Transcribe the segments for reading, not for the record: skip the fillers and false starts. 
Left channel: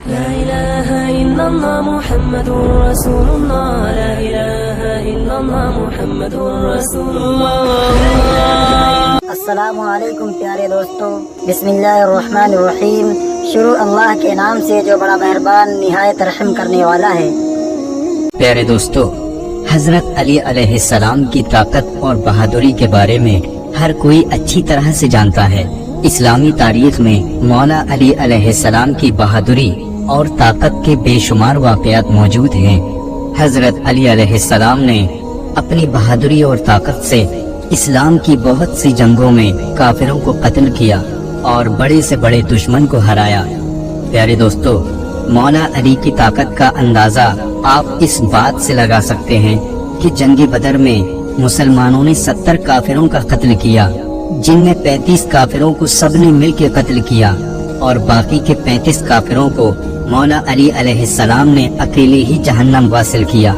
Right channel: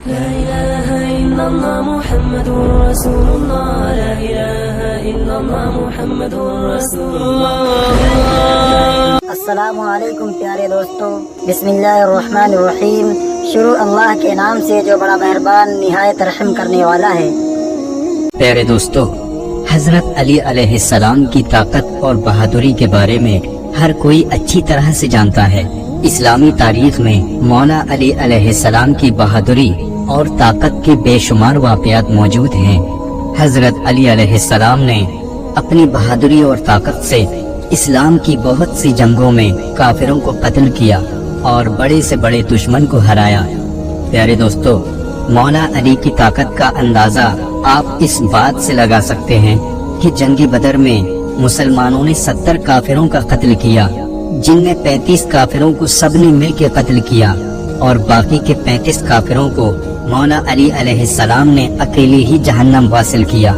لا إله إلا الله محمد رسول الله لا إله إلا الله محمد رسول الله السلام علیکم پیارے دوستو، بسم اللہ الرحمن الرحیم۔ شروع اللہ کے نام سے جو بڑا مہربان نہایت رحم کرنے والا ہے۔ پیارے دوستو، حضرت علی علیہ السلام کی طاقت اور بہادری کے بارے میں ہر کوئی اچھی طرح سے جانتا ہے۔ اسلامی تاریخ میں مولا علی علیہ السلام کی بہادری اور طاقت کے بے شمار واقعات موجود ہیں۔ حضرت علی علیہ السلام نے اپنی بہادری اور طاقت سے اسلام کی بہت سی جنگوں میں کافروں کو قتل کیا اور بڑے سے بڑے دشمن کو ہرایا۔ پیارے دوستو، مولا علی کی طاقت کا اندازہ آپ اس بات سے لگا سکتے ہیں کہ جنگ بدر میں مسلمانوں نے 70 کافروں کا قتل کیا، جن میں 35 کافروں کو سب نے مل کے قتل کیا اور باقی کے 35 کافروں کو مولا علی علیہ السلام نے اکیلے ہی جہنم واصل کیا۔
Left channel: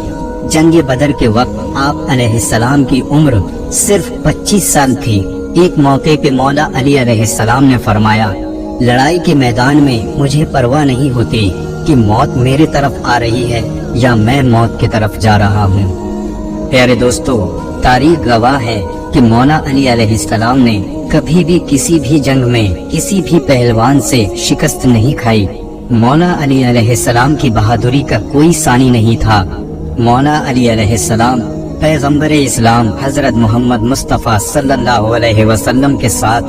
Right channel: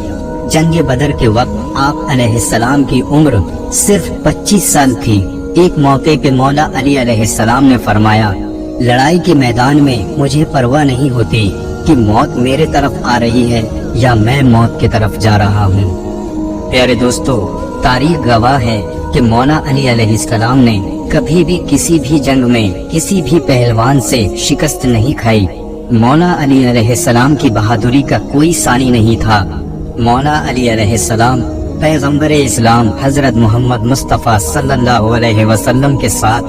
جنگ بدر کے وقت آپ علیہ السلام کی عمر صرف 25 سال تھی۔ ایک موقع پہ مولا علی علیہ السلام نے فرمایا، لڑائی کے میدان میں مجھے پرواہ نہیں ہوتی کہ موت میرے طرف آ رہی ہے یا میں موت کی طرف جا رہا ہوں۔ پیارے دوستو، تاریخ گواہ ہے کہ مولا علی علیہ السلام نے کبھی بھی کسی بھی جنگ میں کسی بھی پہلوان سے شکست نہیں کھائی۔ مولا علی علیہ السلام کی بہادری کا کوئی ثانی نہیں تھا۔ مولا علی علیہ السلام پیغمبر اسلام حضرت محمد مصطفیٰ صلی اللہ علیہ وسلم کے ساتھ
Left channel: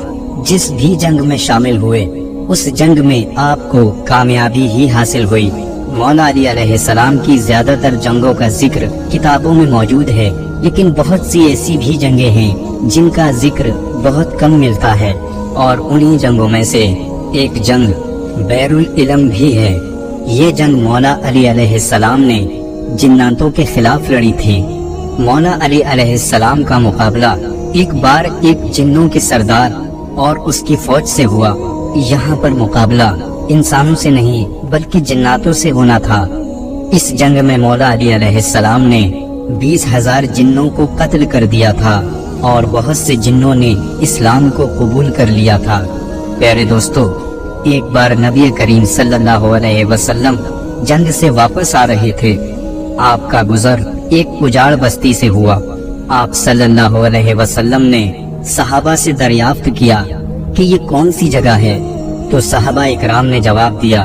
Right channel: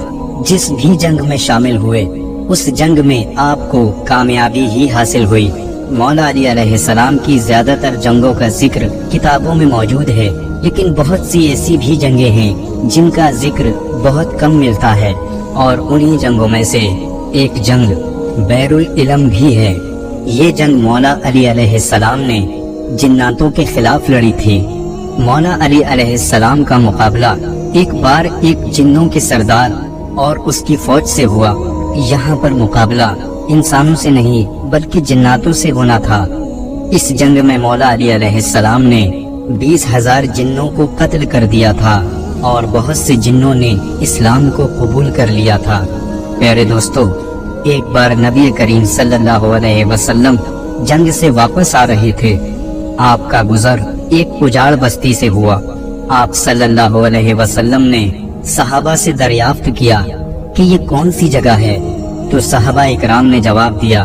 جس بھی جنگ میں شامل ہوئے، اس جنگ میں آپ کو کامیابی ہی حاصل ہوئی۔ مولا علی علیہ السلام کی زیادہ تر جنگوں کا ذکر کتابوں میں موجود ہے، لیکن بہت سی ایسی بھی جنگیں ہیں جن کا ذکر بہت کم ملتا ہے، اور انہی جنگوں میں سے ایک جنگ بیر العلم بھی ہے۔ یہ جنگ مولا علی علیہ السلام نے جناتوں کے خلاف لڑی تھی۔ مولا علی علیہ السلام کا مقابلہ ایک بار ایک جنوں کے سردار اور اس کی فوج سے ہوا۔ یہاں پر مقابلہ انسانوں سے نہیں بلکہ جناتوں سے ہونا تھا۔ اس جنگ میں مولا علی علیہ السلام نے 20,000 جنوں کو قتل کر دیا تھا اور بہت سے جنوں نے اسلام کو قبول کر لیا تھا۔ پیارے دوستو، ایک بار نبی کریم صلی اللہ علیہ وسلم جنگ سے واپس آ رہے تھے۔ آپ کا گزر ایک اجاڑ بستی سے ہوا۔ آپ صلی اللہ علیہ وسلم نے صحابہ سے دریافت کیا کہ یہ کون سی جگہ ہے، تو صحابہ اکرام نے جواب دیا،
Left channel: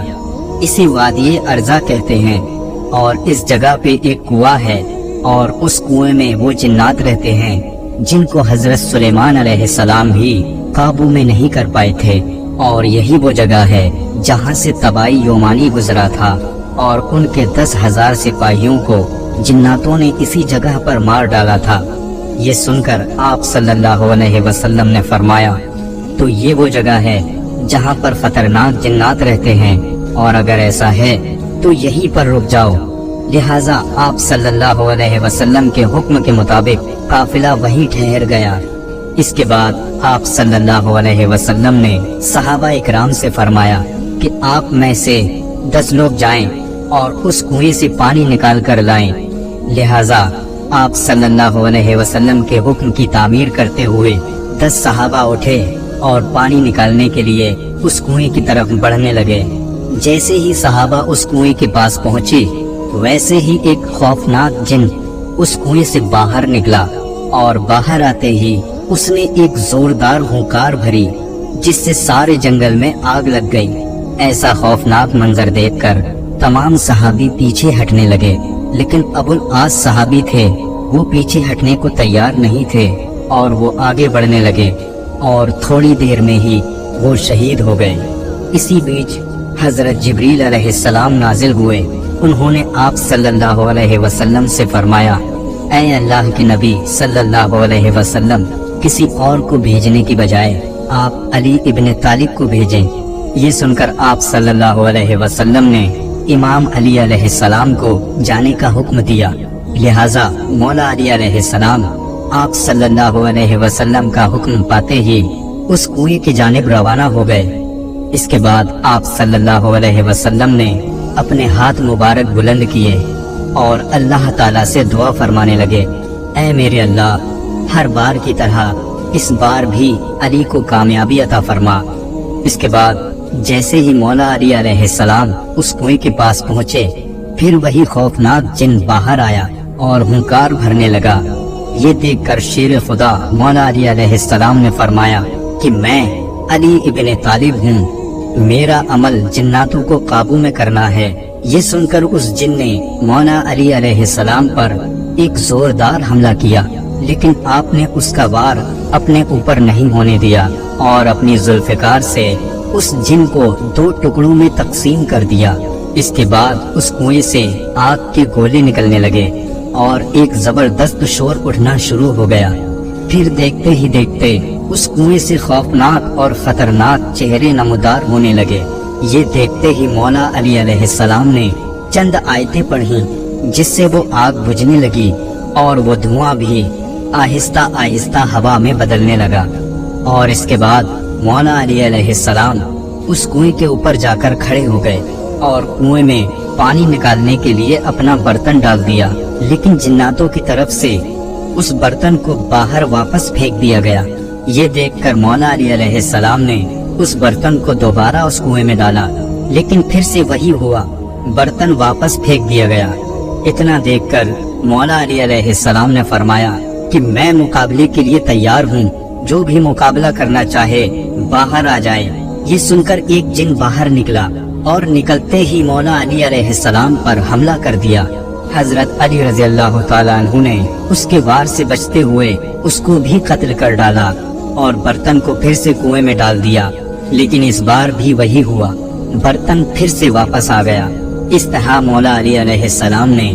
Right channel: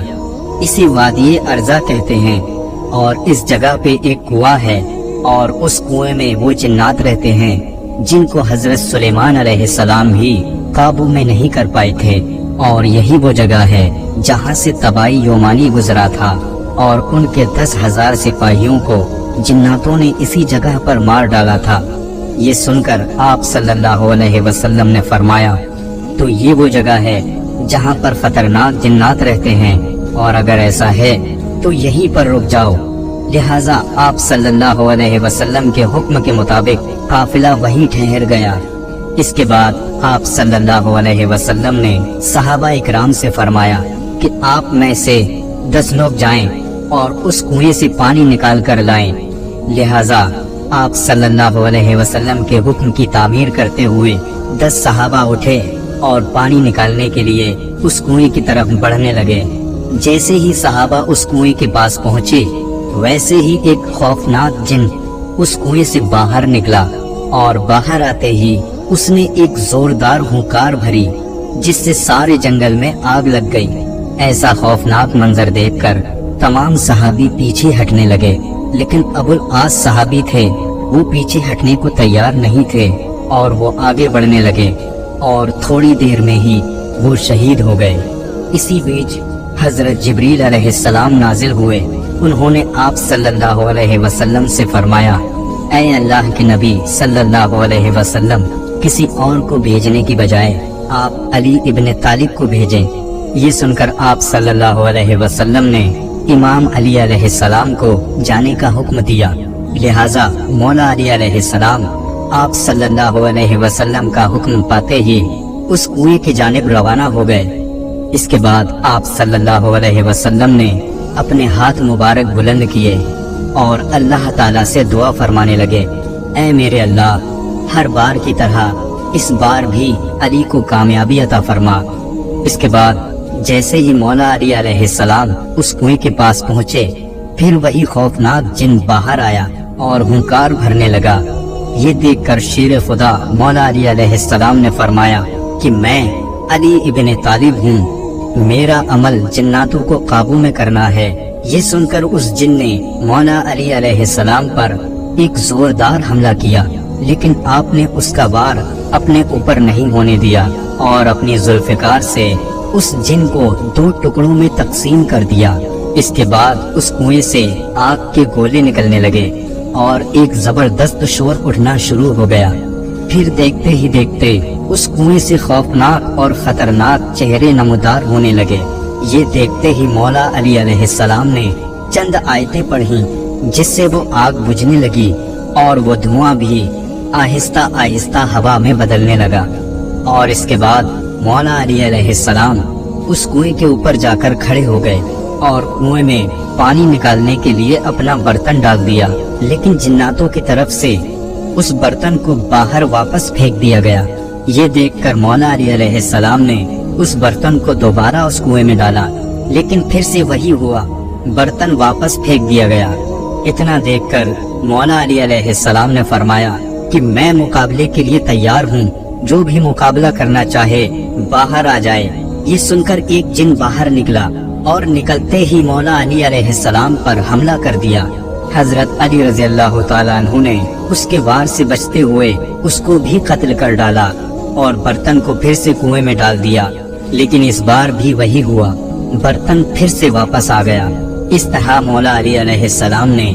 اسے وادی ارزا کہتے ہیں، اور اس جگہ پہ ایک کنواں ہے، اور اس کنویں میں وہ جنات رہتے ہیں جن کو حضرت سلیمان علیہ السلام بھی قابو میں نہیں کر پائے تھے، اور یہی وہ جگہ ہے جہاں سے طبائی یومانی گزرا تھا، اور ان کے 10,000 سپاہیوں کو جناتوں نے اسی جگہ پر مار ڈالا تھا۔ یہ سن کر آپ صلی اللہ علیہ وسلم نے فرمایا، تو یہ وہ جگہ ہے جہاں پر خطرناک جنات رہتے ہیں، اور اگر ایسا ہے تو یہیں پر رک جاؤ۔ لہٰذا آپ صلی اللہ علیہ وسلم کے حکم کے مطابق قافلہ وہیں ٹھہر گیا۔ اس کے بعد آپ صلی اللہ علیہ وسلم نے صحابہ اکرام سے فرمایا کہ آپ میں سے 10 لوگ جائیں اور اس کنویں سے پانی نکال کر لائیں۔ لہٰذا آپ صلی اللہ علیہ وسلم کے حکم کی تعمیر کرتے ہوئے 10 صحابہ اٹھے اور پانی نکالنے کے لیے اس کنویں کی طرف بڑھنے لگے۔ جیسے ہی صحابہ اس کنویں کے پاس پہنچے، ویسے ہی ایک خوفناک جن اس کنویں سے باہر نکلا، اور باہر آتے ہی اس نے ایک زوردار ہونکار بھری جس سے سارے جنگل میں آگ لگ گئی۔ ایسا خوفناک منظر دیکھ کر تمام صحابی پیچھے ہٹنے لگے، لیکن ابو العاص صحابی تھے، وہ پیچھے ہٹنے کو تیار نہیں تھے اور وہ آگے بڑھنے لگے، اور تھوڑی دیر میں ہی وہ شہید ہو گئے۔ اسی بیچ حضرت جبریل علیہ السلام نازل ہوئے۔ انہوں نے آپ صلی اللہ علیہ وسلم سے فرمایا، اے اللہ کے نبی صلی اللہ علیہ وسلم، کسی اور کو بھیجنے کی بجائے آپ علی ابن طالب کو بھیجیں۔ یہ سن کر آپ صلی اللہ علیہ وسلم نے امام علی علیہ السلام کو جانے کا حکم دیا۔ لہٰذا مولا علی علیہ السلام آپ صلی اللہ علیہ وسلم کا حکم پاتے ہی اس کنویں کی جانب روانہ ہو گئے۔ اس کے بعد آپ صلی اللہ علیہ وسلم نے اپنے ہاتھ مبارک بلند کیے اور اللہ تعالیٰ سے دعا فرمانے لگے، اے میرے اللہ، ہر بار کی طرح اس بار بھی علی کو کامیابی عطا فرما۔ اس کے بعد जैसे ही मौला अली अलैहिस्सलाम उस कुएं के पास पहुँचे, फिर वही खौफनाक जिन बाहर आया और हुंकार भरने लगा। ये देखकर शेर खुदा मौला अली अलैहिस्सलाम ने फरमाया कि मैं अली इब्न तालिब हूँ, मेरा अमल जिन्नातों को काबू में करना है। ये सुनकर उस जिन ने मौला अली अलैहिस्सलाम पर एक जोरदार हमला किया, लेकिन आपने उसका वार अपने ऊपर नहीं होने दिया और अपनी जुल्फिकार से उस जिन को 2 टुकड़ों में तकसीम कर दिया। इसके बाद उस कुएं से आग के गोले निकलने लगे और एक जबरदस्त शोर उठना शुरू हो गया। फिर देखते ही देखते उस कुएं से खौफनाक और खतरनाक चेहरे नमूदार होने लगे। ये देखते ही मौला अली अलैहिस्सलाम ने चंद आयतें पढ़ी, जिससे वो आग बुझने लगी और वो धुआं भी आहिस्ता आहिस्ता हवा में बदलने लगा। और इसके बाद मौला अली अलैहिस्सलाम उस कुएं के ऊपर जाकर खड़े हो गए और कुएं में पानी निकालने के लिए अपना बर्तन डाल दिया, लेकिन जिन्नातों की तरफ से उस बर्तन को बाहर वापस फेंक दिया गया। ये देखकर मौला अली अलैहिस्सलाम ने उस बर्तन को दोबारा उस कुएं में डाला, लेकिन फिर से वही हुआ, बर्तन वापस फेंक दिया गया। इतना देखकर मौला अली अलैहिस्सलाम ने फरमाया कि मैं मुकाबले के लिए तैयार हूँ, जो भी मुकाबला करना चाहे बाहर आ जाए। ये सुनकर एक जिन बाहर निकला और निकलते ही मौला अली अलैहिस्सलाम पर हमला कर दिया। हजरत अली रज़ी अल्लाह ताला अन्हु ने उसके वार से बचते हुए उसको भी कत्ल कर डाला और बर्तन को फिर से कुएं में डाल दिया, लेकिन इस बार भी वही हुआ, बर्तन फिर से वापस आ गया। इस तरह मौला अली अलैहिस्सलाम ने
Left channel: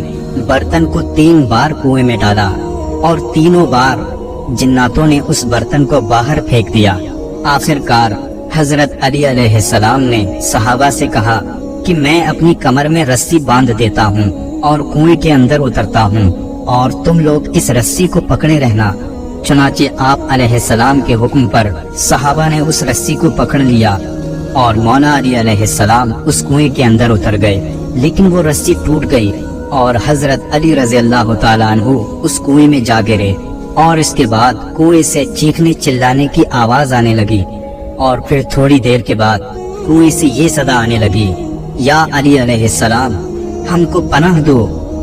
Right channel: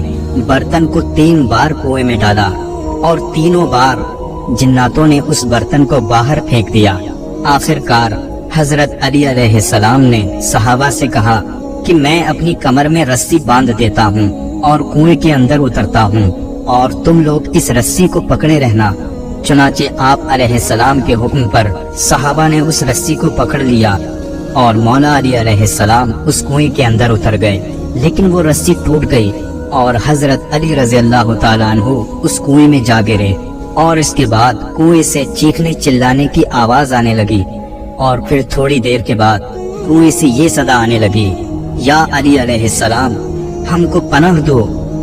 बर्तन को 3 बार कुएं में डाला और तीनों बार जिन्नातों ने उस बर्तन को बाहर फेंक दिया। आखिरकार हजरत अली अलैहिस्सलाम ने सहाबा से कहा कि मैं अपनी कमर में रस्सी बांध देता हूँ और कुएं के अंदर उतरता हूँ और तुम लोग इस रस्सी को पकड़े रहना। चुनाचे आप अलैहिस्सलाम के हुक्म पर सहाबा ने उस रस्सी को पकड़ लिया और मौला अली अलैहिस्सलाम उस कुएं के अंदर उतर गए, लेकिन वो रस्सी टूट गई और हजरत अली रज़ी अल्लाह ताला अन्हु उस कुएं में जा गिरे और इसके बाद कुएं से चीखने चिल्लाने की आवाज आने लगी और फिर थोड़ी देर के बाद कुएं से ये सदा आने लगी, या अली अलैहिस्सलाम हमको पनाह दो।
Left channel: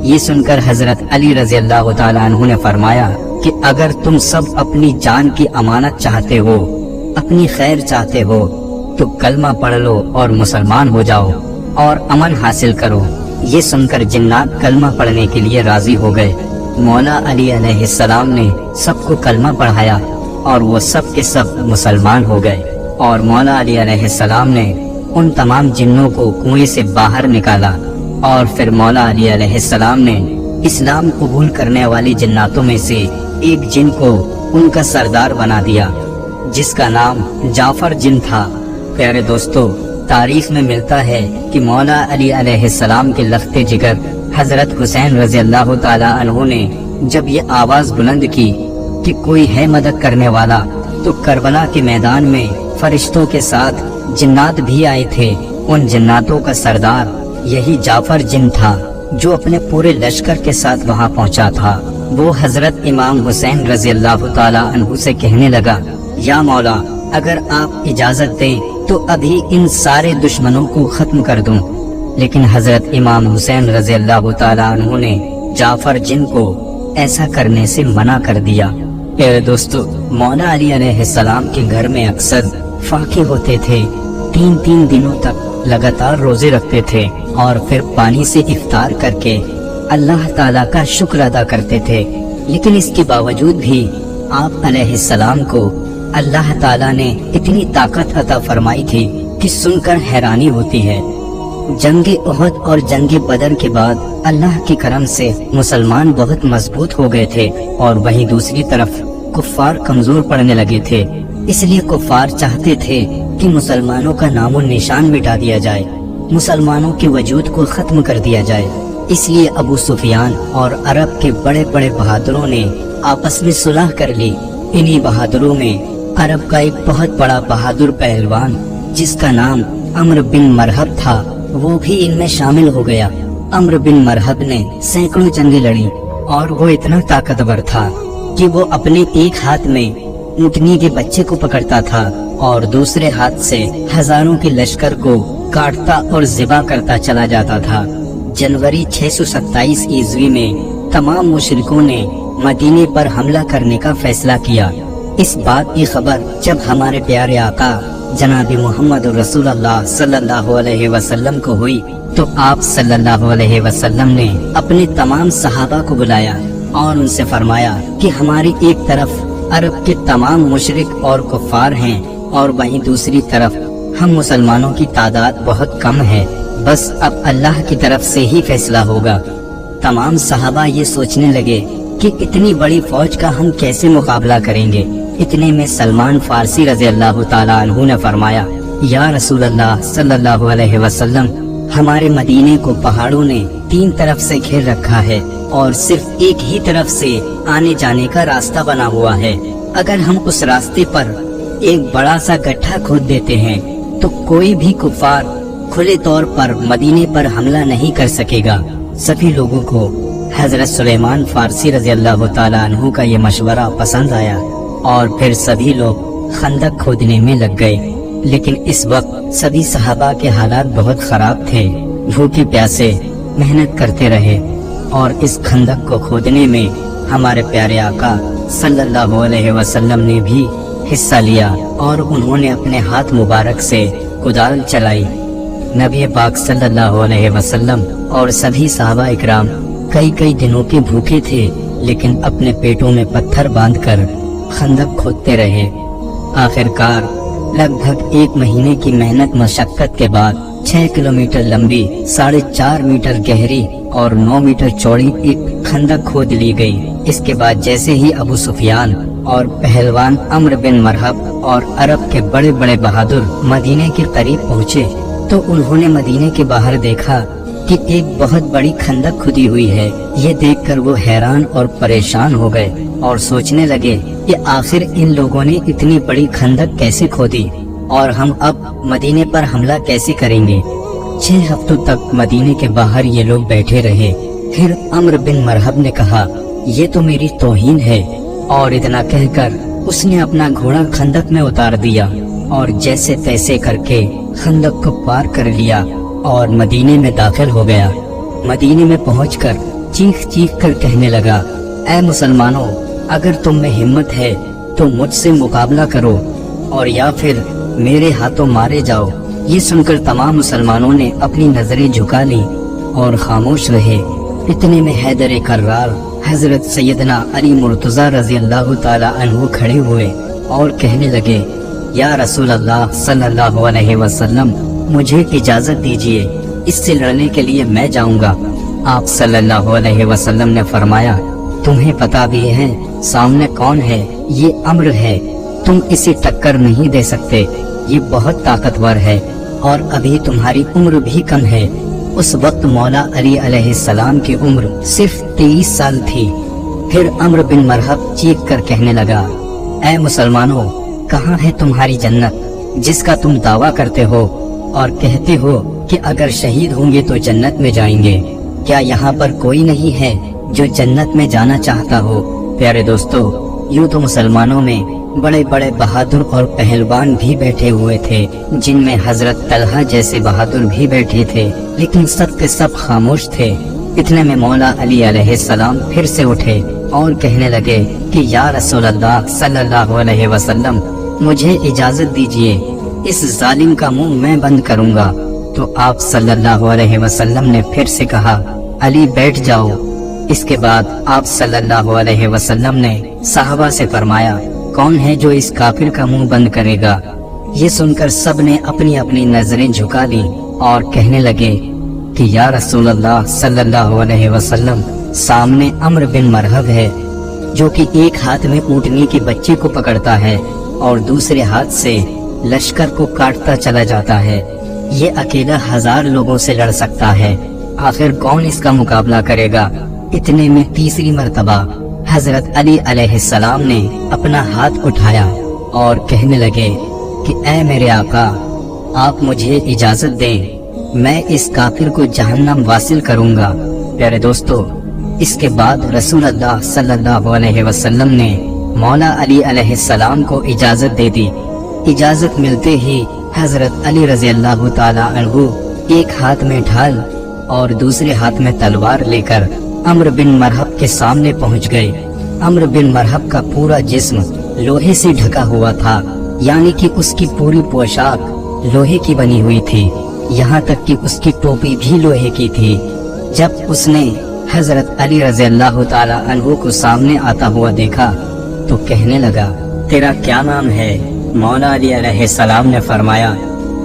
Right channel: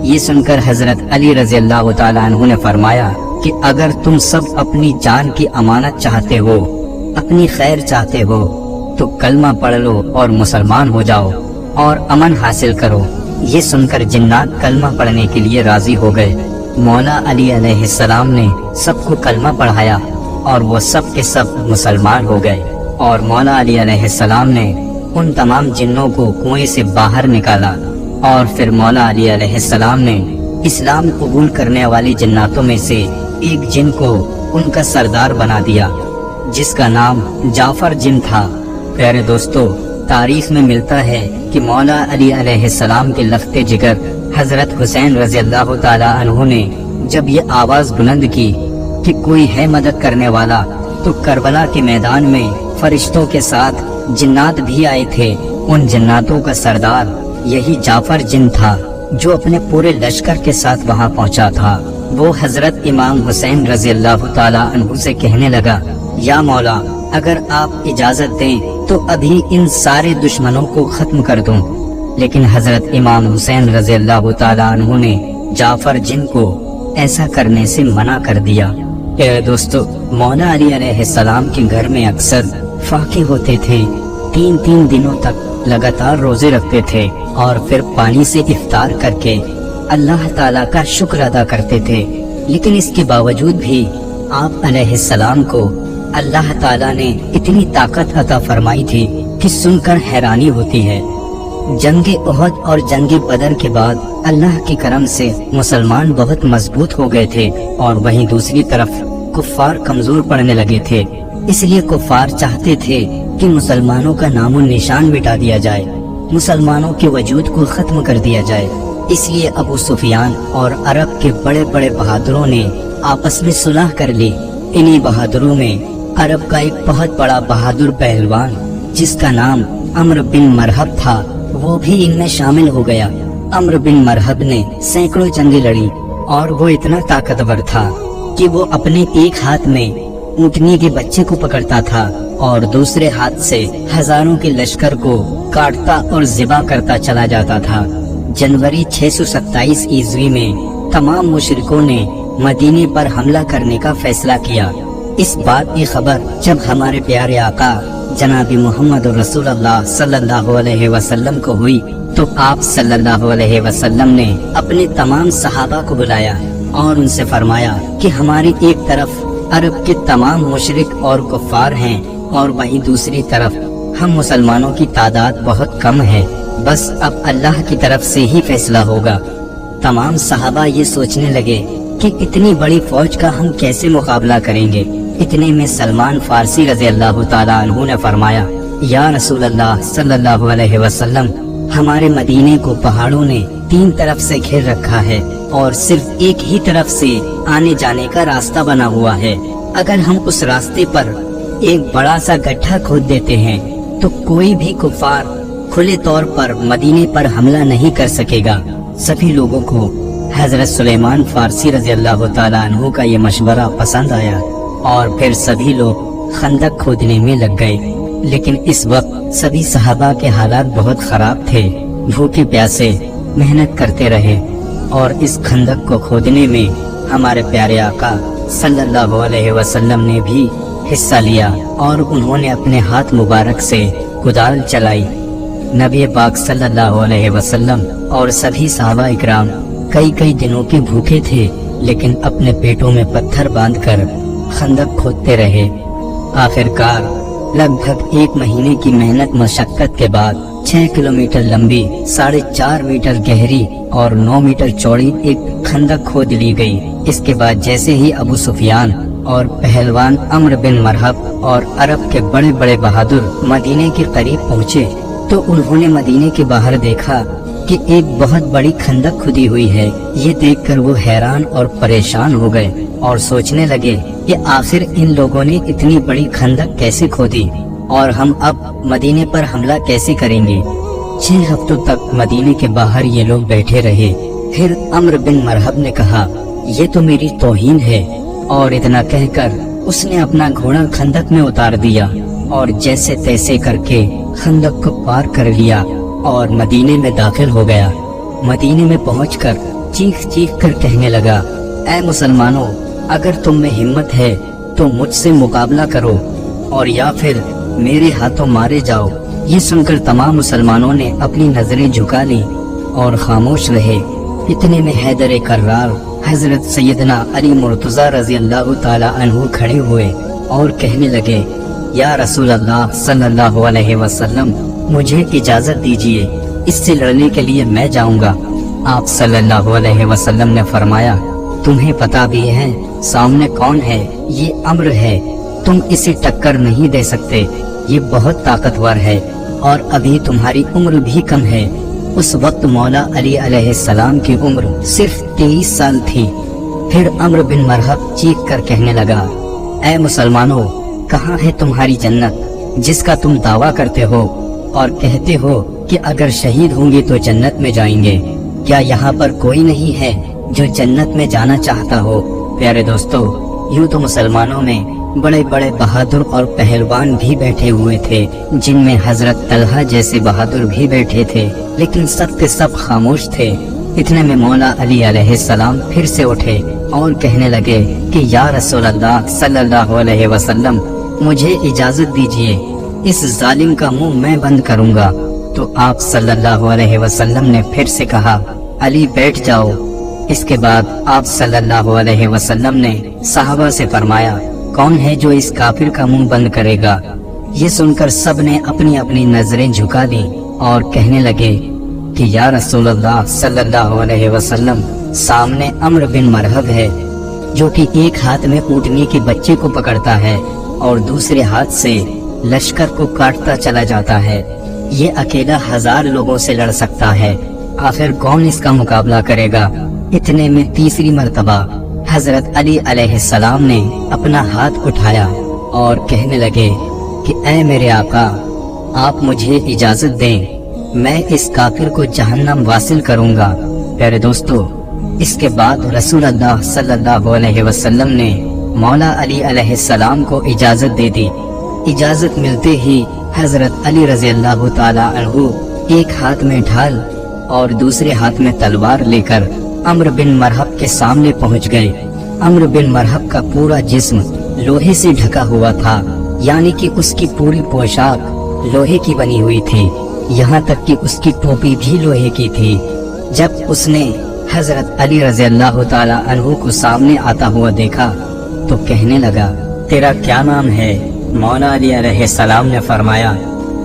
ये सुनकर हजरत अली रज़ी अल्लाह ताला अन्हु ने फरमाया कि अगर तुम सब अपनी जान की अमानत चाहते हो, अपनी खैर चाहते हो, तो कलमा पढ़ लो और मुसलमान हो जाओ और अमन हासिल करो। ये सुनकर जिन्नात कलमा पढ़ने के लिए राजी हो गए। मौला अली अलैहिस्सलाम ने सबको कलमा पढ़ाया और वो सब के सब मुसलमान हो गए और मौला अली अलैहिस्सलाम ने उन तमाम जिन्नों को कुएं से बाहर निकाला और फिर मौला अली अलैहिस्सलाम ने इस्लाम कबूल करने वाली जिन्नातों में से एक जिन को उनका सरदार बना दिया, जिसका नाम जाफर जिन था। प्यारे दोस्तों, तारीख में मिलता है कि मौला अली अलैहिस्सलाम के लख्ते जिगर हजरत हुसैन रज़ी अल्लाह ताला अन्हु ने जब ये आवाज बुलंद की कि कोई है मदद करने वाला, तो करबला के मैदान में फरिश्तों के साथ जिन्नात भी आए थे। उन जिन्नातों का सरदार यही जाफर जिन था, जो अपने पूरे लश्कर के साथ वहाँ पहुँचा था। वो हजरत इमाम हुसैन रज़ी अल्लाह ताला अन्हु से कहने लगा, या मौला, अगर आप इजाजत दे तो अभी इन सारे दुश्मनों को खत्म कर दूं। लेकिन हजरत इमाम हुसैन रज़ी अल्लाह ताला अन्हु ने जाफर जिन को ऐसा करने से मना कर दिया। प्यारे दोस्तों, मौला अली अलैहिस्सलाम के घर में अक्सर फाके होते थे। 3-3 दिनों तक लगातार रोजे रखते थे और फिर पानी से इफ्तार करके अल्लाह ताला का शुक्र अदा करते थे। लेकिन इसके बावजूद भी आप अलैहिस्सलाम को अल्लाह ताला ने इतनी ताकत अता फरमाई थी कि सुनकर हैरानी होती है। जंगे उहद और जंगे बदर के बाद अल्लाह के करम से मुसलमान बहुत मजबूत हो गए थे और वहीं दूसरी तरफ कुफ्फार कमजोर पड़ने लगे थे। इसलिए कुफ्फार चाहते थे कि मुसलमानों का नामो निशान मिटा दिया जाए, मुसलमानों के वजूद को खत्म कर दिया जाए। इसलिए अबू सुफियान और अरब के बड़े बड़े बहादुरों ने आपस में सुलह कर ली। इन्हीं बहादुरों में अरब का एक बहुत बड़ा बहादुर पहलवान जिसका नाम अम्र बिन मरहब था, वो भी इनमें शामिल हो गया। अम्र बिन मरहब ने सैकड़ों जंगें लड़ी और वो इतना ताकतवर था कि वो अपने एक हाथ में ऊँटनी के बच्चे को पकड़ता था اور دوسرے ہاتھ سے ہزاروں کے لشکر کو کاٹتا اور ذبح کرتا چلا جاتا تھا۔ جنوری 627 عیسوی میں تمام مشرکوں نے مدینے پر حملہ کرنے کا فیصلہ کیا۔ اس بات کی خبر جب ہمارے پیارے آقا جناب محمد رسول اللہ صلی اللہ علیہ وسلم کو ہوئی تو آپ صلی اللہ علیہ وسلم نے اپنے تمام صحابہ کو بلایا اور ان سے فرمایا کہ ہماری ایک طرف عرب کے تمام مشرک اور کفار ہیں اور وہیں دوسری طرف ہم مسلمانوں کی تعداد بہت کم ہے، بس اب اللہ کی طرف سے ہی فیصلہ ہوگا۔ تمام صحابہ یہ سوچنے لگے کہ اتنی بڑی فوج کا ہم کیسے مقابلہ کریں گے۔ اتنے میں سلمان فارسی رضی اللہ تعالیٰ عنہ نے فرمایا، یا رسول اللہ صلی اللہ علیہ وسلم، ہمارے مدینے کو پہاڑوں نے 3 طرف سے گھیر رکھا ہے اور صرف ایک ہی طرف سے آنے جانے کا راستہ بنا ہوا ہے۔ اگر ہم اس راستے پر ایک بڑا سا گڈھا کھود دیتے ہیں تو کوئی بھی کفار کھلے طور پر مدینے پر حملہ نہیں کر سکے گا۔ سبھی لوگوں کو حضرت سلیمان فارسی رضی اللہ تعالیٰ عنہ کا یہ مشورہ پسند آیا اور پھر سبھی لوگ خندق کھودنے میں لگ گئے۔ لیکن اس وقت سبھی صحابہ کے حالات بہت خراب تھے، بھوکے پیاسے محنت کرتے رہے اور اس خندق کو کھودنے میں ہمارے پیارے آقا صلی اللہ علیہ وسلم نے بھی حصہ لیا اور انہوں نے اپنے ہاتھ مبارک سے کدال چلائی۔ نبی پاک صلی اللہ علیہ وسلم اور سبھی صحابہ اکرام کئی دنوں کے بھوکے تھے، لیکن اپنے پیٹوں میں پتھر باندھ کر خندق کھودتے رہے۔ آخرکار لگ بھگ 1 مہینے کی محنت مشقت کے بعد 6 کلومیٹر لمبی، 4.5 میٹر گہری اور 9 میٹر چوڑی ایک خندق کھود لی گئی۔ اس کے بعد جیسے ہی ابو سفیان اور پہلوان عمرو بن مرحب اور عرب کے بڑے بڑے بہادر مدینے کے قریب پہنچے تو انہوں نے مدینے کے باہر دیکھا کہ ایک بہت بڑی خندق کھدی ہوئی ہے۔ یہ دیکھ کر وہ حیران اور پریشان ہو گئے اور سوچنے لگے کہ آخر ان لوگوں نے اتنی بڑی خندق کیسے کھودی اور ہم اب مدینے پر حملہ کیسے کریں گے۔ 6 ہفتوں تک مدینے کے باہر یہ لوگ بیٹھے رہے۔ پھر عمرو بن مرحب نے کہا، یہ تو میری توہین ہے، اور اتنا کہہ کر اس نے اپنا گھوڑا خندق میں اتار دیا اور جیسے تیسے کر کے خندق کو پار کر لیا اور مدینے میں داخل ہو گیا۔ مدینے میں پہنچ کر چیخ کر کہنے لگا، اے مسلمانوں، اگر تم میں ہمت ہے تو مجھ سے مقابلہ کرو اور یا پھر میرے ہاتھوں مارے جاؤ۔ یہ سن کر تمام مسلمانوں نے اپنی نظریں جھکا لی اور خاموش رہے۔ اتنے میں حیدر کرار حضرت سیدنا علی مرتضی رضی اللہ تعالی عنہ کھڑے ہوئے اور کہنے لگے، یا رسول اللہ صلی اللہ علیہ وسلم، مجھے اجازت دیجیے، اس سے لڑنے کے لیے میں جاؤں گا۔ آپ صلی اللہ علیہ وسلم نے فرمایا، تمہیں پتا بھی ہے سامنے کون ہے؟ یہ عمرو ہے، تم اسے ٹکر نہیں دے سکتے، یہ بہت طاقتور ہے اور ابھی تمہاری عمر بھی کم ہے۔ اس وقت مولا علی علیہ السلام کی عمر صرف 23 سال تھی۔ پھر عمرو بن مرحب چیخ کر کہنے لگا، اے مسلمانوں، کہاں ہے تمہاری جنت جس کا تم دعویٰ کرتے ہو اور کہتے ہو کہ اگر شہید ہوں گے تو جنت میں جائیں گے؟ کیا یہاں پر کوئی نہیں ہے جو جنت میں جانا چاہتا ہو؟ پیارے دوستو، یوں تو مسلمانوں میں بڑے بڑے بہادر اور پہلوان بھی بیٹھے ہوئے تھے، جن میں حضرت طلحہ جیسے بہادر بھی بیٹھے تھے، لیکن سب کے سب خاموش تھے۔ اتنے میں مولا علی علیہ السلام پھر سے اٹھے اور کہنے لگے کہ یا رسول اللہ صلی اللہ علیہ وسلم، مجھے اجازت دیجیے، اس ظالم کا منہ میں بند کروں گا۔ تو آپ صلی اللہ علیہ وسلم نے پھر سے کہا، علی بیٹھ جاؤ۔ اس کے بعد آپ صلی اللہ علیہ وسلم نے صحابہ سے فرمایا، کون ہے جو اس کافر کا منہ بند کرے گا؟ یہ سن کر سب نے اپنی اپنی نظریں جھکا لی اور کہنے لگے کہ یا رسول اللہ صلی اللہ علیہ وسلم، سامنے عمرو بن مرحب ہے جو کہ ایک ہاتھ میں اونٹنی کے بچے کو پکڑتا ہے اور دوسرے ہاتھ سے لشکر کو کاٹتا چلا جاتا ہے۔ یہ اکیلا 1000 لوگوں سے لڑ سکتا ہے، آخر کون اس کا مقابلہ کرے گا؟ اتنے میں تیسری مرتبہ حضرت علی علیہ السلام نے اپنا ہاتھ اٹھایا اور کہنے لگے کہ اے میرے آقا، آپ مجھے اجازت دیں، میں اس کافر کو جہنم واصل کروں گا۔ پیارے دوستو، اس کے بعد رسول اللہ صلی اللہ علیہ وسلم نے مولا علی علیہ السلام کو اجازت دے دی इजाजत मिलते ही हजरत अली रजी अल्लाह ताला अन्हु एक हाथ में ढाल और दूसरे हाथ में तलवार लेकर अम्र बिन मरहब के सामने पहुंच गए। अम्र बिन मरहब का पूरा जिस्म लोहे से ढका हुआ था, यानी कि उसकी पूरी पोशाक लोहे की बनी हुई थी, यहाँ तक कि उसकी टोपी भी लोहे की थी। जब उसने हजरत अली रजी अल्लाह ताला अन्हु को सामने आता हुआ देखा तो कहने लगा, तेरा क्या नाम है? मौला अली अलैहिस्सलाम ने फरमाया,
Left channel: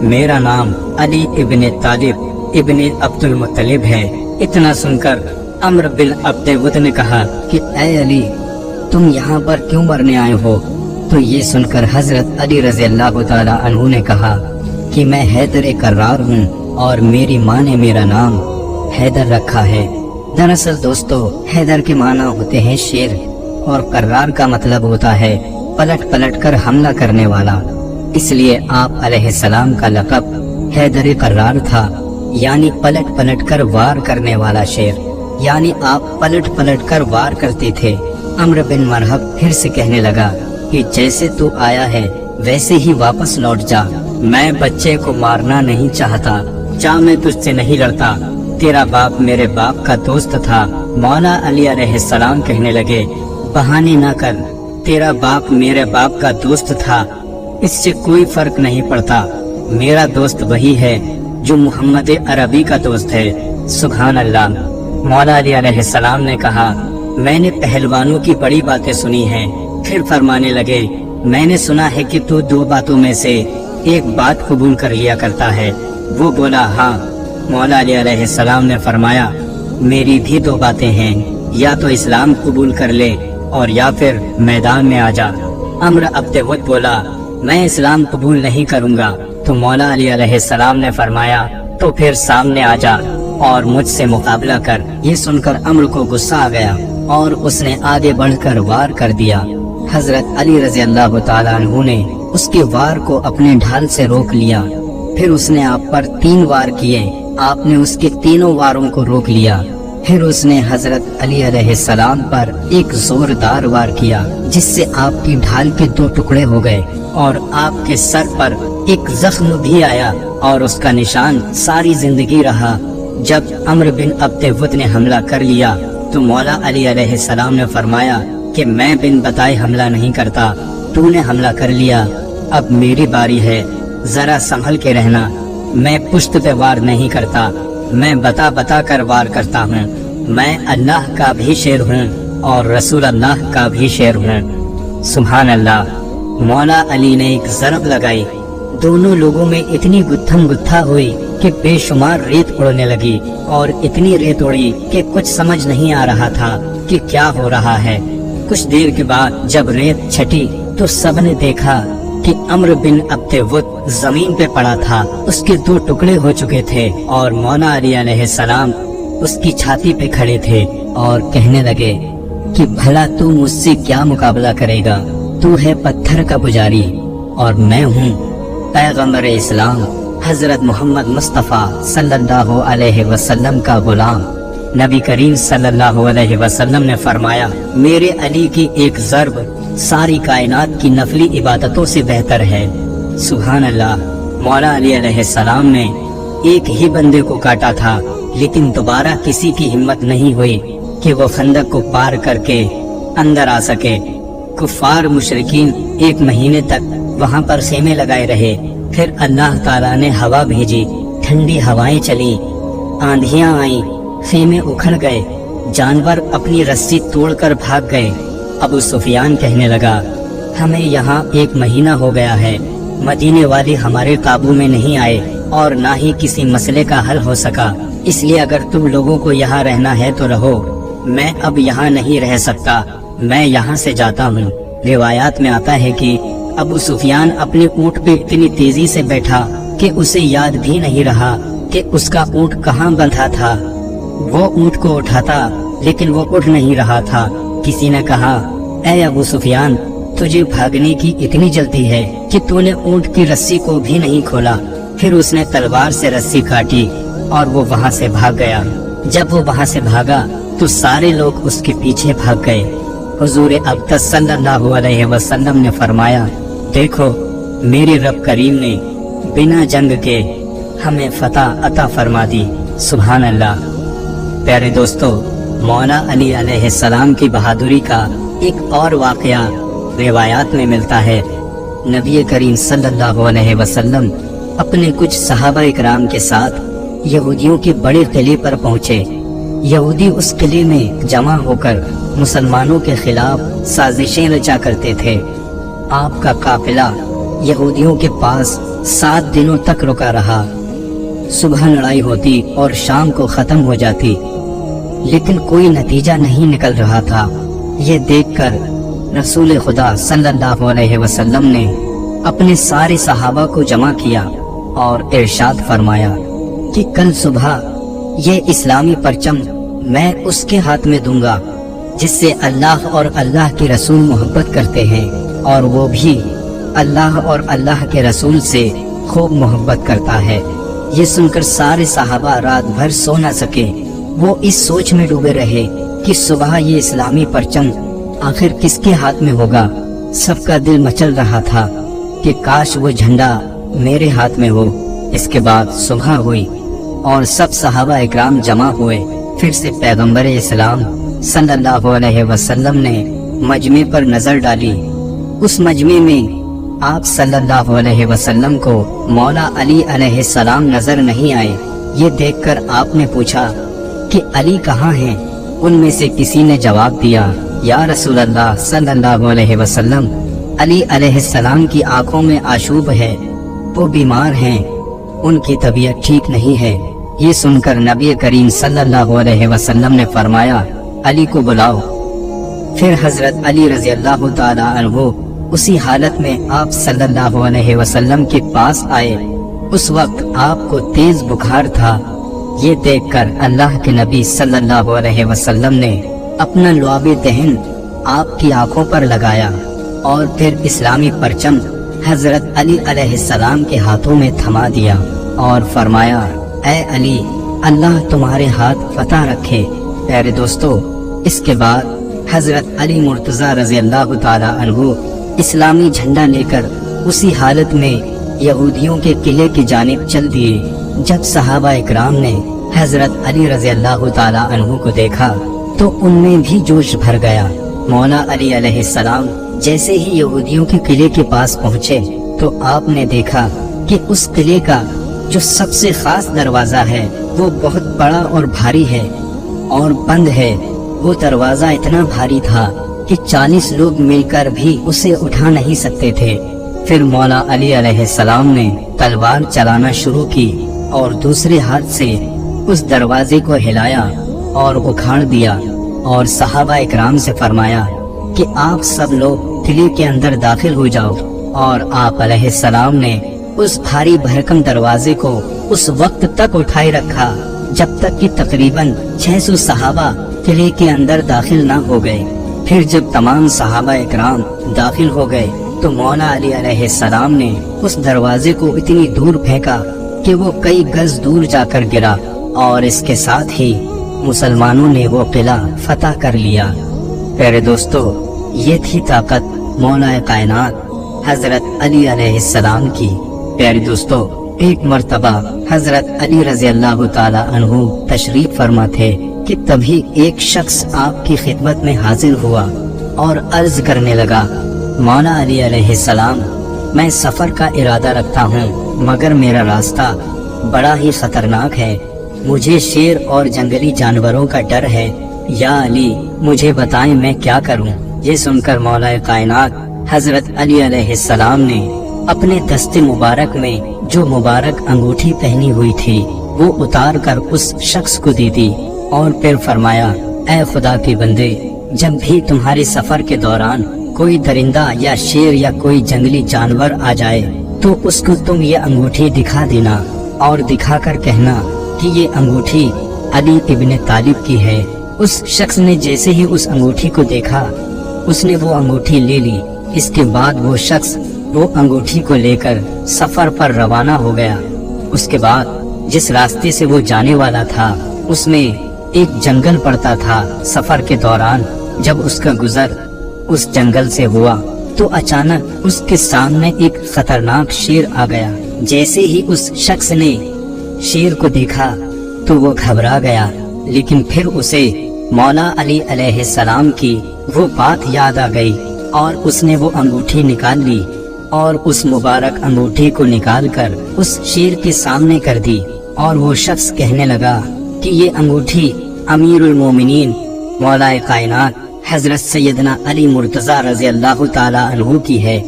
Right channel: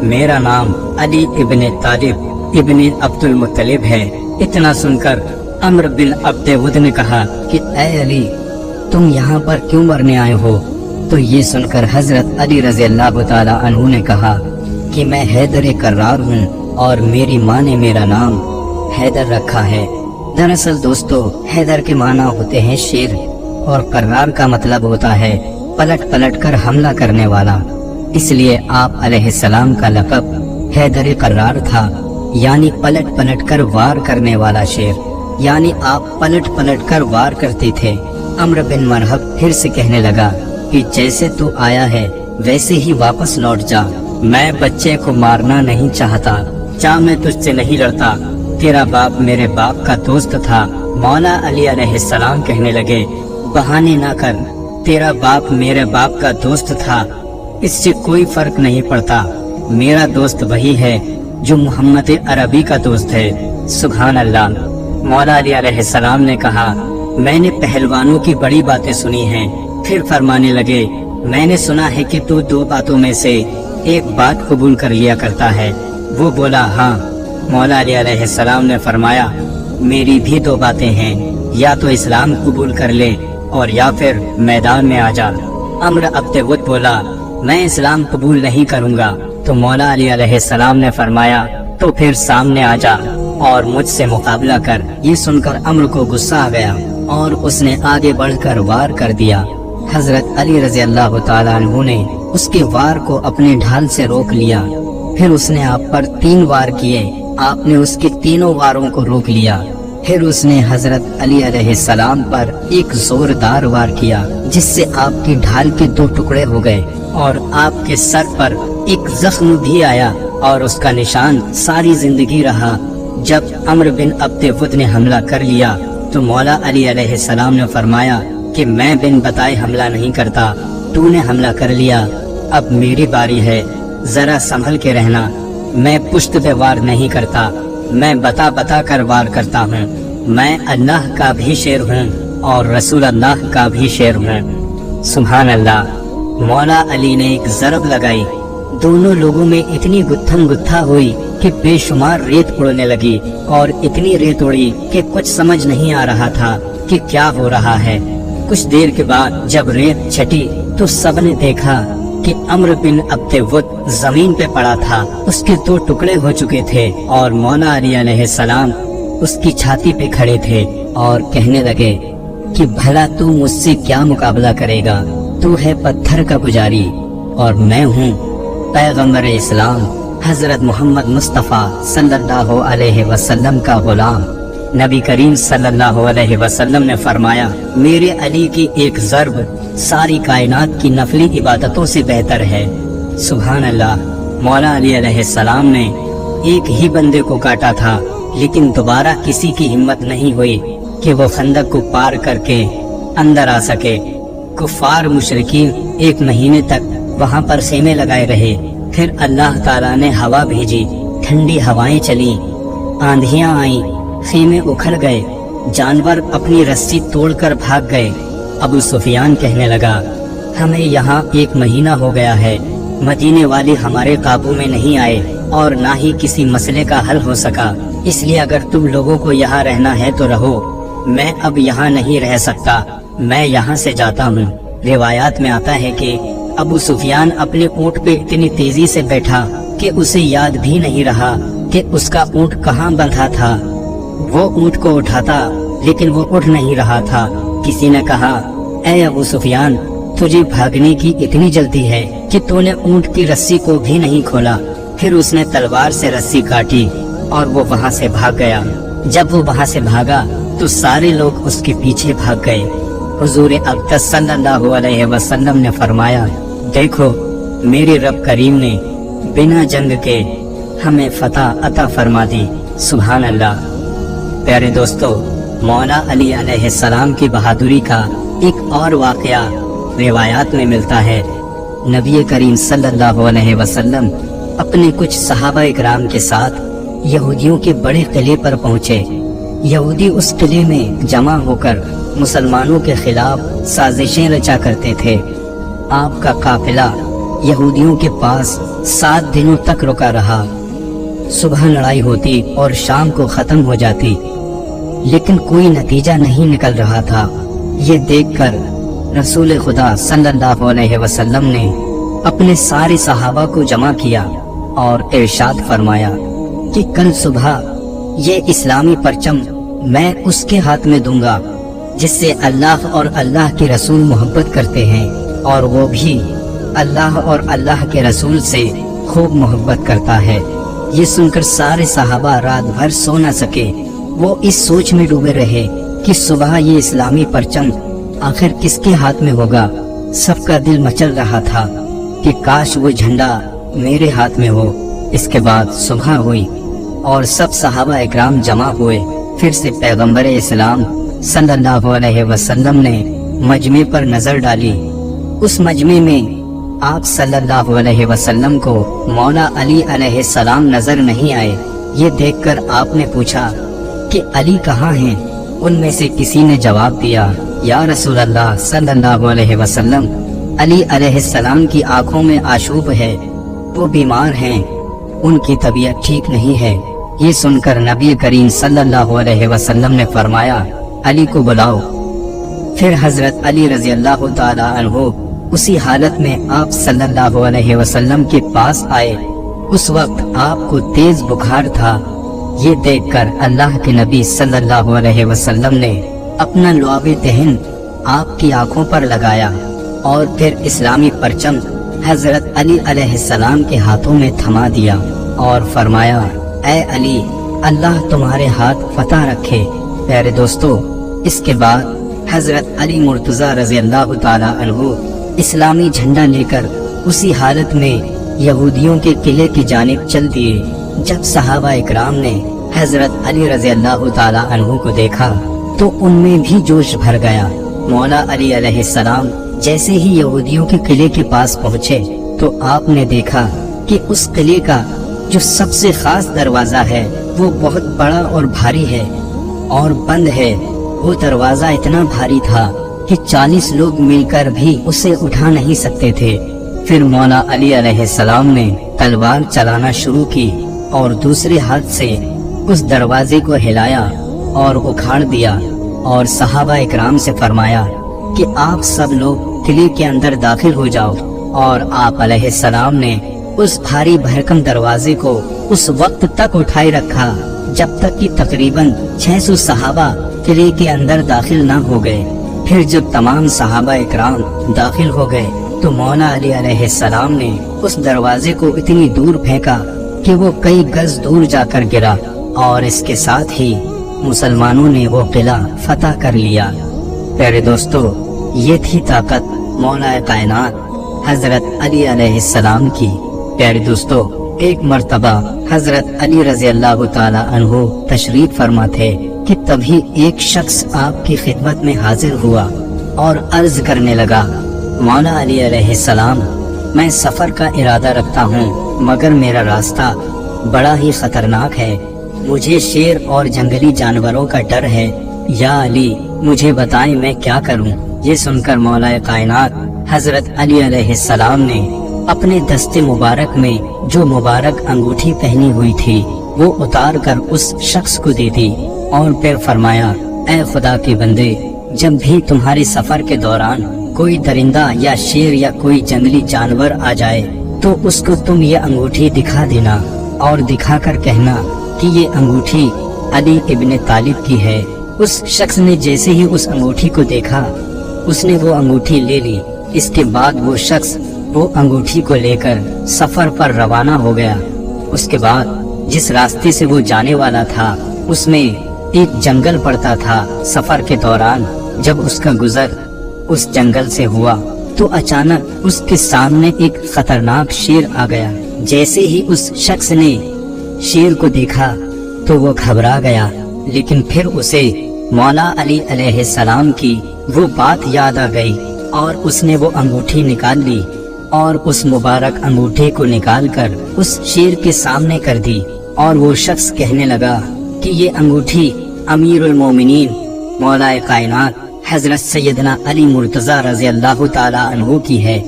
मेरा नाम अली इब्ने तालिब इब्ने अब्दुल मुत्तलिब है। इतना सुनकर अम्र बिन अब्दे वद ने कहा कि ऐ अली, तुम यहाँ पर क्यों मरने आए हो? तो ये सुनकर हजरत अली रजी अल्लाह ताला अन्हु ने कहा कि मैं हैदर कर्रार हूँ और मेरी माँ ने मेरा नाम हैदर रखा है। दरअसल दोस्तों, हैदर के माना होते हैं शेर और कर्रार का मतलब होता है पलट पलट कर हमला करने वाला। इसलिए आप अलैहिस्सलाम का लक़ब हैदर कर्रार था, यानी पलट पलट कर वार करने वाला शेर, यानी आप पलट पलट कर वार करते थे। अम्र बिन मरहब फिर से कहने लगा कि जैसे तू आया है वैसे ही वापस लौट जा। मैं बच्चे को मारना नहीं चाहता, जा मैं तुझसे नहीं लड़ता। तेरा बाप मेरे बाप का दोस्त था। मौला अली अलैहिस्सलाम कहने लगे, बहाने ना कर, तेरा बाप मेरे बाप का दोस्त था, इससे कोई फर्क नहीं पड़ता। मेरा दोस्त वही है जो मोहम्मद अरबी का दोस्त है। सुभान अल्लाह। मौला अली अलैहिस्सलाम ने कहा, मैंने पहलवानों की बड़ी बातें सुनी हैं। फिर फरमाने लगे, मैंने सुना है कि तू दो बातों में से एक बात कबूल कर लिया करता है। वो बोला, हाँ। मौला अली अलैहिस्सलाम ने फरमाया, मेरी भी दो बातें हैं, या तो इस्लाम कबूल कर ले और या फिर मैदान में आ जा। अम्र अब्दे वद बोला, मैं इस्लाम कबूल नहीं करूँगा। तो मौला अली अलैहिस्सलाम ने फरमाया, तो फिर सामने आ जा और मुझसे मुकाबला कर। ये सुनकर अम्र को गुस्सा आ गया और उसने आगे बढ़कर वार कर दिया। हजरत अली रजी अल्लाह ताला अन्हु ने उसके वार को अपने ढाल से रोक लिया। फिर उसने आप पर 3 वार किए, आपने उसके तीनों वारों को रोक लिया। फिर उसने हजरत अली अलैहिस्सलाम पर एक जोरदार वार किया, जिससे आपकी ढाल के 2 टुकड़े हो गए और आपके सर पर एक जख्म भी आया और उसका निशान सारी जिंदगी रहा। जब अम्र बिन अब्दे वद ने हमला कर लिया तो मौला अली अलैहिस्सलाम ने फरमाया कि मैं बिन बताए हमला नहीं करता, तूने हमला कर लिया, अब मेरी बारी है, जरा संभल के रहना। मैं पुश्त पे वार नहीं करता, मैं बता बता कर वार करता हूँ। मैं अल्लाह का भी शेर हूँ और रसूल अल्लाह का भी शेर हूँ। सुभान अल्लाह। मौला अली ने एक ज़रब लगाई, दोनों लोगों में इतनी गुत्थम गुत्था हुई कि बेशुमार रेत उड़ने लगी और इतनी रेत उड़ी कि कुछ समझ नहीं आ रहा था कि क्या हो रहा है। कुछ देर के बाद जब रेत छटी तो सबने देखा कि अम्र बिन अब्दे वद जमीन पे पड़ा था, उसके 2 टुकड़े हो चुके थे और मौला अली अलैहिस्सलाम उसकी छाती पे खड़े थे और कहने लगे कि भला तू मुझसे क्या मुकाबला करेगा? तू है पत्थर का पुजारी और मैं हूँ पैगम्बर इस्लाम हजरत मोहम्मद मुस्तफ़ा सल्लल्लाहु अलैहि वसल्लम का गुलाम। नबी करीम सल्लल्लाहु अलैहि वसल्लम ने फरमाया, मेरे अली की एक ज़र्ब सारी कायनात की नफली इबादतों से बेहतर है। सुभान अल्लाह। मौला अली अलैहिस्सलाम ने एक ही बंदे को काटा था, लेकिन दोबारा किसी की हिम्मत नहीं हुई कि वो खंदक को पार करके अंदर आ सके। कुफार मुशरिकीन 1 महीने तक वहाँ पर खेमे लगाए रहे। फिर अल्लाह ताला ने हवा भेजी, ठंडी हवाएं चली, आंधियां आई, खेमे उखड़ गए, जानवर अपनी रस्सी तोड़कर भाग गए। अबू सुफियान कहने लगा, हमें यहाँ 1 महीना हो गया है, मदीने वाले हमारे काबू में नहीं आए और ना ही किसी मसले का हल हो सका। इसलिए अगर तुम लोगों को यहाँ रहना है तो रहो, मैं अब यहाँ नहीं रह सकता, मैं यहाँ से जाता हूँ। रिवायात में आता है कि अबू सुफियान अपने ऊँट पे इतनी तेजी से बैठा कि उसे याद भी नहीं रहा कि उसका ऊँट कहाँ बंधा था। वो ऊँट को उठाता लेकिन वो उठ नहीं रहा था। किसी ने कहा, ऐ अबू सुफियान, तुझे भागने की इतनी जल्दी है कि तूने ऊँट की रस्सी को भी नहीं खोला। फिर उसने तलवार से रस्सी काटी और वो वहाँ से भाग गया। जब वो वहाँ से भागा तो सारे लोग उसके पीछे भाग गए। हुजूर अक़दस सल्लल्लाहु अलैहि वसल्लम ने फरमाया, देखो मेरे रब करीम ने बिना जंग के हमें फतह अता फरमा दी। सुभान अल्लाह। प्यारे दोस्तों, मौला अली अलैहिस्सलाम की बहादुरी का एक और वाकया रिवायात में मिलता है। नबी करीम सल्लल्लाहु अलैहि वसल्लम अपने कुछ सहाबा इकराम के साथ यहूदियों के बड़े किले पर पहुंचे। यहूदी उस किले में जमा होकर मुसलमानों के खिलाफ साजिशें रचा करते थे। आपका काफिला यहूदियों के पास 7 दिनों तक रुका रहा। सुबह लड़ाई होती और शाम को खत्म हो जाती, लेकिन कोई नतीजा नहीं निकल रहा था। ये देखकर रसूल खुदा सल्लल्लाहु अलैहि वसल्लम ने अपने सारे सहाबा को जमा किया और इरशाद फरमाया कि कल सुबह ये इस्लामी परचम मैं उसके हाथ में दूंगा जिससे अल्लाह और अल्लाह के रसूल मोहब्बत करते हैं, और वो भी अल्लाह और अल्लाह के रसूल से खूब मोहब्बत करता है। ये सुनकर सारे सहाबा रात भर सो न सके। वो इस सोच में डूबे रहे कि सुबह ये इस्लामी परचम आखिर किसके हाथ में होगा। सबका दिल मचल रहा था कि काश वो झंडा मेरे हाथ में हो। इसके बाद सुबह हुई और सब सहाबा इकराम जमा हुए। फिर से पैगंबर इस्लाम सल्लल्लाहु अलैहि वसल्लम ने मजमे पर नजर डाली। उस मजमे में आप सल्लल्लाहु अलैहि वसल्लम को मौला अली अलैहिस्सलाम नजर नहीं आए। ये देखकर आपने पूछा कि अली कहाँ हैं? उनमें से किसी ने जवाब दिया, या रसूल अल्लाह सल्लल्लाहु अलैहि वसल्लम, अली अलैहिस्सलाम की आंखों में आशूब है, वो बीमार हैं, उनकी तबीयत ठीक नहीं है। ये सुनकर नबी करीम सल्लल्लाहु अलैहि वसल्लम ने फरमाया, अली को बुलाओ। फिर हजरत अली रजी अल्लाह ताला अन्हु उसी हालत में आप सल्लल्लाहु अलैहि वसल्लम के पास आए। उस वक्त आपको तेज बुखार था। ये देखकर अल्लाह के नबी सल्लल्लाहु अलैहि वसल्लम ने अपना लुआबे तहन आपकी आंखों पर लगाया और फिर इस्लामी परचम हजरत अली अलैहिस्सलाम के हाथों में थमा दिया और फरमाया, ऐ अली, अल्लाह तुम्हारे हाथ फतह रखे। प्यारे दोस्तों, इसके बाद हजरत अली मुर्तजा रजी अल्लाह ताला अन्हु इस्लामी झंडा लेकर उसी हालत में यहूदियों के किले की जानिब चल दिए। जब सहाबा इकराम ने हजरत अली रजी अल्लाह ताला अन्हु को देखा तो उनमें भी जोश भर गया। मौला अली अलैहिस्सलाम जैसे ही यहूदियों के किले के पास पहुँचे तो आपने देखा कि उस किले का जो सबसे खास दरवाजा है वो बहुत बड़ा और भारी है और बंद है। वो दरवाजा इतना भारी था कि 40 लोग मिलकर भी उसे उठा नहीं सकते थे। फिर मौला अली अलैहिस्सलाम ने तलवार चलाना शुरू की और दूसरे हाथ से उस दरवाजे को हिलाया और उखाड़ दिया और सहाबा इकराम से फरमाया कि आप सब लोग किले के अंदर दाखिल हो जाओ। और आप अलैहिस्सलाम ने उस भारी भरकम दरवाजे को उस वक्त तक उठाए रखा जब तक कि तकरीबन 600 सहाबा किले के अंदर दाखिल न हो गए। फिर जब तमाम सहाबा इकराम दाखिल हो गए तो मौला अली अलैहिस्सलाम ने उस दरवाजे को इतनी दूर फेंका कि वो कई गज दूर जाकर गिरा और इसके साथ ही मुसलमानों ने वो किला फतह कर लिया। प्यारे दोस्तों, ये थी ताकत मौला कायनात हजरत अली अलैहिस्सलाम की। प्यारे दोस्तों, एक मर्तबा हजरत अली रजी अल्लाह ताला अन्हु तशरीफ फरमा थे कि तभी एक शख्स आपकी खिदमत में हाजिर हुआ और अर्ज करने लगा, मौला अली अलैहिस्सलाम, मैं सफर का इरादा रखता हूँ मगर मेरा रास्ता बड़ा ही खतरनाक है। मुझे शेर और जंगली जानवरों का डर है। या अली, मुझे बताएं मैं क्या करूँ। ये सुनकर मौला कायनात हजरत अली अलैहिस्सलाम ने अपने दस्ते मुबारक में जो मुबारक अंगूठी पहनी हुई थी वो उतार कर उस शख्स को दे दी और फिर फरमाया, ऐ खुदा के बंदे, जब भी तुम्हारे सफर के दौरान कोई दरिंदा या शेर या कोई जंगली जानवर आ जाए तो उसको तुम ये अंगूठी दिखा देना और दिखाकर कहना कि ये अंगूठी अली इब्ने तालिब की है। उस शख्स ने जैसे ही उस अंगूठी को देखा उसने वो अंगूठी ले ली। इसके बाद वो शख्स वो अंगूठी को लेकर सफर पर रवाना हो गया। उसके बाद जिस रास्ते से वो जाने वाला था उसमें एक जंगल पड़ता था। सफर के दौरान जब उसका गुजर उस जंगल से हुआ تو اچانک اس کے سامنے ایک خطرناک شیر آ گیا۔ جیسے ہی اس شخص نے شیر کو دیکھا تو وہ گھبرا گیا، لیکن پھر اسے مولا علی علیہ السلام کی وہ بات یاد آ گئی اور اس نے وہ انگوٹھی نکال لی اور اس مبارک انگوٹھی کو نکال کر اس شیر کے سامنے کر دی، اور وہ شخص کہنے لگا کہ یہ انگوٹھی امیر المومنین مولا کائنات حضرت سیدنا علی مرتضی رضی اللہ تعالی عنہ کی ہے۔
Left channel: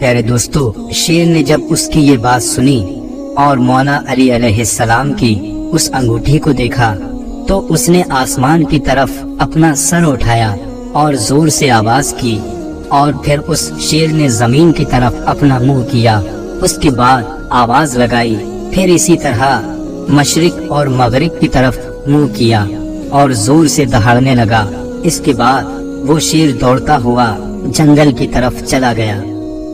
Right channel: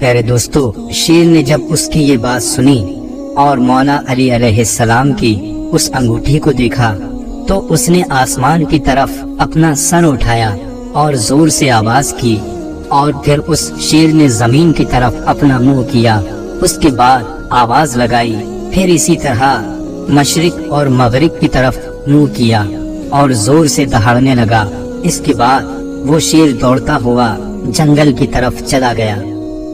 پیارے دوستو، شیر نے جب اس کی یہ بات سنی اور مولا علی علیہ السلام کی اس انگوٹھی کو دیکھا تو اس نے آسمان کی طرف اپنا سر اٹھایا اور زور سے آواز کی، اور پھر اس شیر نے زمین کی طرف اپنا منہ کیا۔ اس کے بعد آواز لگائی، پھر اسی طرح مشرق اور مغرب کی طرف منہ کیا اور زور سے دہاڑنے لگا۔ اس کے بعد وہ شیر دوڑتا ہوا جنگل کی طرف چلا گیا۔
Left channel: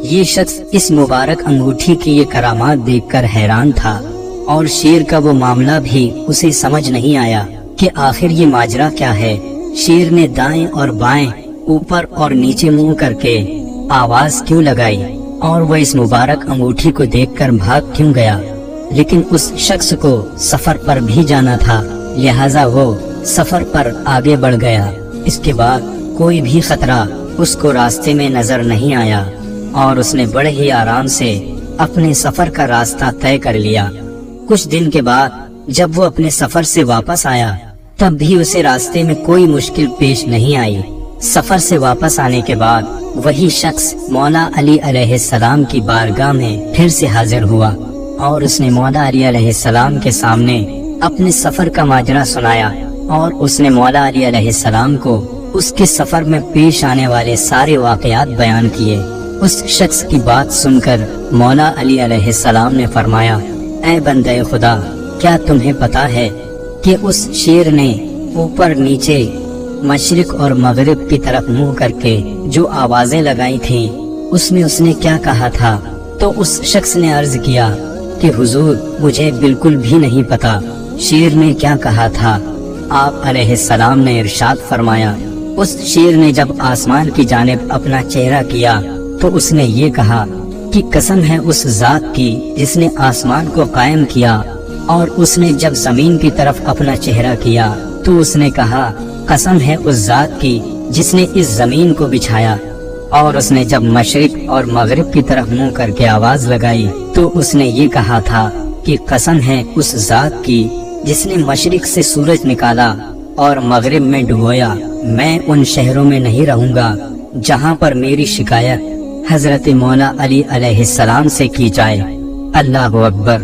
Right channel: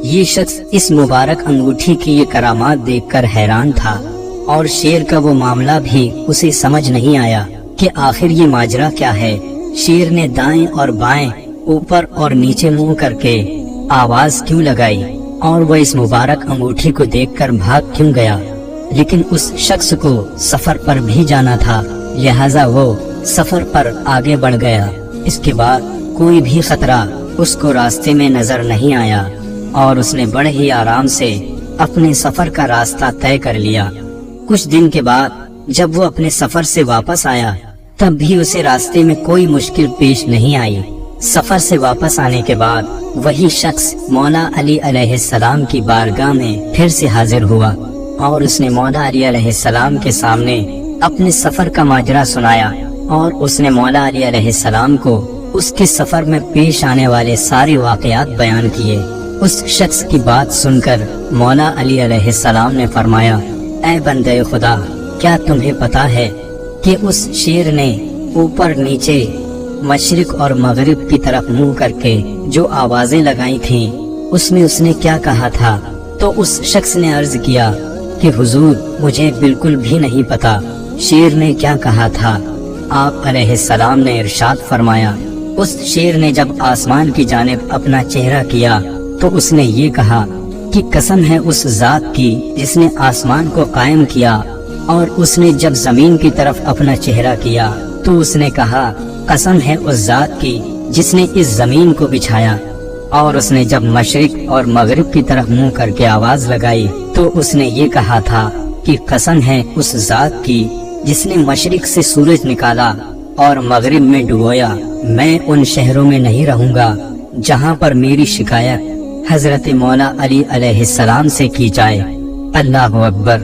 یہ شخص اس مبارک انگوٹھی کی یہ کرامات دیکھ کر حیران تھا، اور شیر کا وہ معاملہ بھی اسے سمجھ نہیں آیا کہ آخر یہ ماجرا کیا ہے۔ شیر نے دائیں اور بائیں، اوپر اور نیچے منہ کر کے آواز کیوں لگائی، اور وہ اس مبارک انگوٹھی کو دیکھ کر بھاگ کیوں گیا؟ لیکن اس شخص کو سفر پر بھی جانا تھا، لہذا وہ سفر پر آگے بڑھ گیا۔ اس کے بعد کوئی بھی خطرہ اس کو راستے میں نظر نہیں آیا، اور اس نے بڑے ہی آرام سے اپنے سفر کا راستہ طے کر لیا۔ کچھ دن کے بعد جب وہ اپنے سفر سے واپس آیا تب بھی اسے راستے میں کوئی مشکل پیش نہیں آئی۔ سفر سے واپس آنے کے بعد وہی شخص مولا علی علیہ السلام کی بارگاہ میں پھر سے حاضر ہوا، اور اس نے مولا علی علیہ السلام کے سامنے اپنے سفر کا ماجرا سنایا، اور اس نے مولا علی علیہ السلام کو اس کے سفر میں پیش آنے والے سارے واقعات بیان کیے۔ اس شخص کی بات سن کر مولا علی علیہ السلام نے فرمایا، اے بندے خدا، کیا تمہیں پتا ہے کہ اس شیر نے اوپر نیچے مشرق اور مغرب کی طرف منہ کر کے جو آوازیں لگائی تھی اس نے کیا کہا تھا؟ تو اس شخص نے عرض کیا کہ حضور، مجھے بالکل بھی نہیں پتا شیر نے کیا کہا تھا۔ آپ علیہ السلام نے ارشاد فرمایا، اس شیر نے جب آسمان کی جانب اپنا چہرہ کیا تو اس نے یہ کہا کہ قسم ہے اس ذات کی جس نے آسمان کو قائم کیا، اور اس نے جب زمین کی طرف اپنا چہرہ کیا تو اس نے کہا قسم ہے اس ذات کی جس نے اس زمین کو بچھایا، اور اس نے جب مشرق اور مغرب کی طرف منہ کر کے آواز لگائی تو اس نے یہ کہا تھا کہ قسم ہے اس ذات کی جس نے مشرق سے سورج نکالا اور مغرب میں ڈبویا، میں ان شہروں میں نہیں رہوں گا جہاں پر میری شکایت حضرت مولا علی علیہ السلام سے کی جائے۔ اللہ اکبر!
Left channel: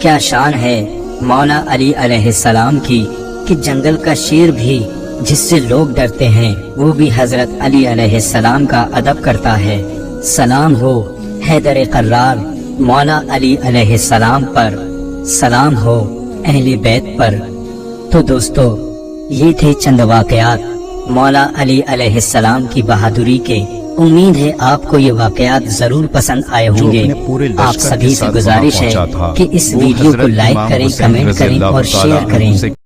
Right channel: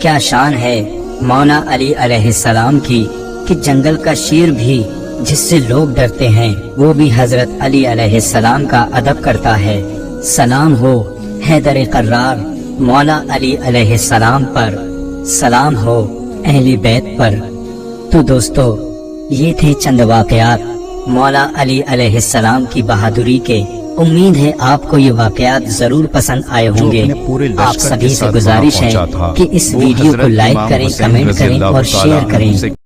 کیا شان ہے مولا علی علیہ السلام کی کہ جنگل کا شیر بھی جس سے لوگ ڈرتے ہیں وہ بھی حضرت علی علیہ السلام کا ادب کرتا ہے۔ سلام ہو حیدر قرار مولا علی علیہ السلام پر، سلام ہو اہل بیت پر۔ تو دوستو، یہ تھے چند واقعات مولا علی علیہ السلام کی بہادری کے۔ امید ہے آپ کو یہ واقعات ضرور پسند آئے ہوں گے۔ جو اپنے پورے آپ لشکر سبھی کے سے ساتھ وہاں گزارش ہے پہنچا تھا کہ اس وہ ویڈیو کو حضرت لائک امام کریں، حسین کمنٹ رضی کریں اللہ اور تعالیٰ شیئر کریں۔ عنہ سے